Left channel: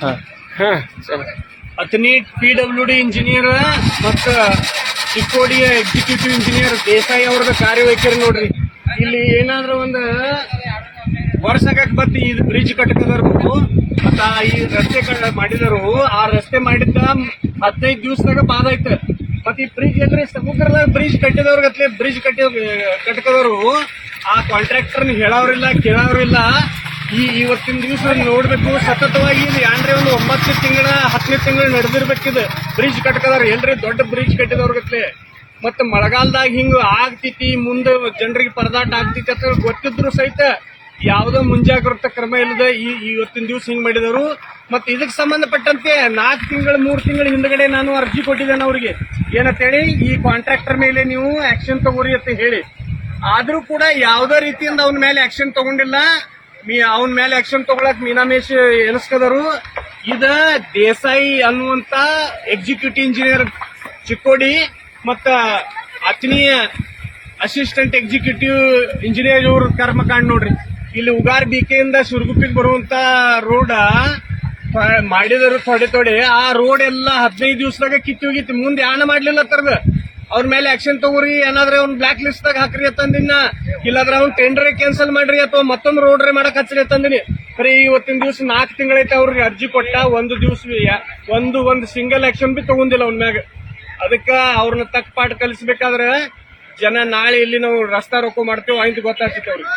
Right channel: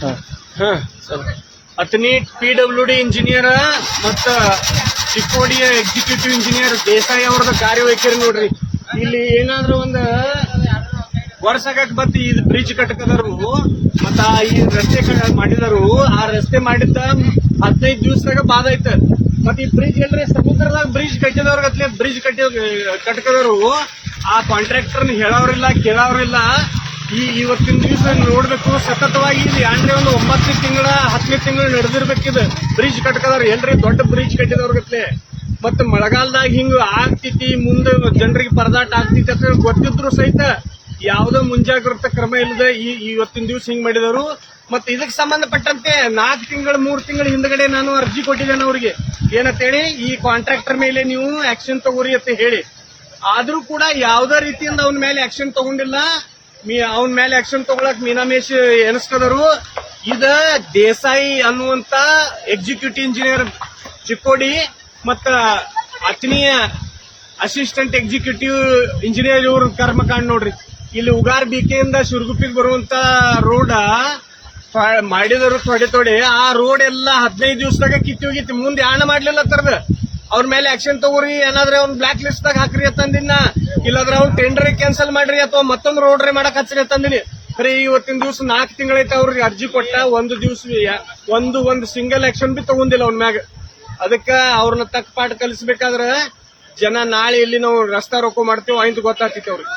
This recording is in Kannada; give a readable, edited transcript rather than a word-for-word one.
ಹಾ ಅತನಿ PWD ಇಂಜಿನಿಯರ್ ಮತ್ತ ಚಿಕ್ಕೋಡಿ ಎಕ್ಸಿಕ್ಯೂಟಿವ್ ಇಂಜಿನಿಯರ್ ದೇಸಾಯಿ ಅವ್ರದ ಕಾರ್ಯವೈಖರಿ ನೋಡ್ರಿ. ಇಲ್ಲಿ ಏನಾದ್ರು ಒಂದು ವರ್ಷಕ್ಕೆ ಬತ್ತಿ ಇದು ಬ್ರಿಡ್ಜ್ ಕಟ್ಟಕದವ್ರು ಮತ್ತ ಈ ರಸ್ತೆ ಮಾಡಿದರು. ಆ ರಸ್ತೆ ಮಾಡಿದ್ದ 15 ದಿವಸದಾಗ ಬಾದ ಐತ. ಮತ್ತ ಈ ಬ್ರಿಡ್ಜ್ ಅಂದ್ರೆ ಸಮುದ್ರದಾಗ ಬ್ರಿಡ್ಜ್ ಕಟ್ಟಿದವ್ರಿಗತ್ಲೆ ಬ್ರಿಡ್ಜ್ ಕಟ್ಟಕದವರು ಆ ಕಾಂಟ್ರಾಕ್ಟರ್ ಹೇಳೋರಿಲ್ಲ ಕೇಳೋರಿಲ್ಲ. ಇವತ್ತಿನ ದಿವಸ ನೋಡ್ಬೇಕು ಸತತವಾಗಿ ಏನ್ರಿ ಒಂದು 9 ತಿಂಗಳ 10 ತಿಂಗಳು ನಡೆದಿರ್ಬೇಕಿದ್ ಬ್ರಿಡ್ಜ್ ಕಟ್ಕದವ್ರು ಏನ್ರಿ ದೊಡ್ಡ ಬ್ರಿಡ್ಜ್ ಕಟ್ಟಿದವ್ರಿಗತ್ಲೆ. ಮತ್ತ ಮಳೆಗಾಲದಾಗ ಹಿಂಗ ಆಗ್ತೈತಿ, ಮುಂದೆ ಜನರಿಗೆ ಪರದಾಟ ಆಗ್ತೈತಿ ಅಂತ ಗೊತ್ತಿದ್ರು ಸಹಿತ ಯಾವ್ದೋ ಮುಂಜಾಗ್ರತಾ ಕ್ರಮ ಇಲ್ಲದೆ ಇವತ್ತಿನ ದಿವಸ ಹಿಂಗ್ ಮಾಡಿದವರು. ಮತ್ತೆ ಇದಕ್ಕೆ ಸಂಬಂಧಪಟ್ಟಂತೆ 4 ತಿಂಗಳು 3 ತಿಂಗಳ ಹಿಂದ್ಗಡೆ ನಾನು ಅರ್ಜಿ ಕೊಟ್ಟಿದ್ದೇನೆ ಅವ್ರಿಗೆ. ಏನಂತೇಳಿ ಈ ಕಾಂಟ್ರಾಕ್ಟರ್ ಮೇಲೆ ನೀವು ಆಕ್ಷನ್ ತಗೋರಿ ಅಂತ ಹೇಳಿ. ಆದ್ರೂ ಕೂಡ ಯಾವ್ದೋ ರೀತಿಯಿಂದ ಅವನ ಮೇಲೆ ಆಕ್ಷನ್ ತಗೊಂಡಿಲ್ಲ. ಅವನ ಮೇಲೆ ಆಕ್ಷನ್ ತಗೊಳಕ್ ಮೀನಾಮೇಶ್ ಎನಿಸ್ಕದರು. ಇದ ದೇಸಾಯಿ ಅನ್ನುವಂತ ಎಕ್ಸಿಕ್ಯೂಟಿವ್ ಇಂಜಿನಿಯರ್ ಚಿಕ್ಕೋಡಿ ಮತ್ತ ಅತನಿಯ ಅಸಿಸ್ಟೆಂಟ್ ಎಕ್ಸಿಕ್ಯೂಟಿವ್ ಇಂಜಿನಿಯರ್ ಇವ್ರ ಕರ್ಮಕಾಂಡ್ ನೋಡ್ರಿ. ಇಲ್ಲಿ ಉಗಾರ್ ಬಿಕೆಯಿಂದ ಸುರ್ಗುಪ್ಪಿಗೆ ಬರುವಂತ ರೋಡ್ ಮಾಡಿದರು ತೊಡೆ. ಆ ರೋಡ್ ಎಲ್ಲ 15 ದಿವಸದಾಗ ಕಿತ್ತಿ ಹೋಗಿತ್ತು. ಮುಂದೆ ಯಾಣ ಮಾಡ್ಲಿಲ್ಲ ತರದ ಅವ್ರ ಮೇಲೆ ಆಕ್ಷನ್ ತಗೋರಿ, ಏನಾದ್ರೆ ಅವ್ನ ಬ್ಲಾಕ್ ಲಿಸ್ಟ್ ದಾಗ ಹಾಕ್ರಿ ಅಂತಂದಿನ, ಇಲ್ಲಾದ್ರೆ ಅವ್ನ ಟೆಂಡರ್ ಕ್ಯಾನ್ಸಲ್ ಮಾಡ್ರಿ ಅಥವಾ ಮತ್ತೊಂದು ರೋಡ್ ಮಾಡಕ್ ಹಚ್ರಿ ಅಂತಂದಿನಿ. ಬರೀ ಇವತ್ತಿನ ದಿವಸ 4 ತಿಂಗಳೈತೆ ಅವ್ರಿಗೆ ಅರ್ಜಿ ಕೊಟ್ಟ. ಒಂದು ದಿವಸ ಒಂದು ಸಿಂಗಲ್ ಆಕ್ಷನ್ ಬಿ ತಗೊಂಡಿಲ್ಲ ಅವ್ನ ಮ್ಯಾಗ. ಅದಕ್ಕ ಅವ್ರನ್ನ ತಕ್ಕ ಪಾಠ ಕಲಿಸ್ಬೇಕಾದ್ರೆ ಜನ ನಾಳೆ ಇಲ್ಲಿ ನಾವು ರಸ್ತಾ ರೋಕೋ ಮಾಡ್ತೇವೆ ಅಂತ ಗೊತ್ತಾಗ್ತಿತ್ತು ಅವ್ರಿಗೆ.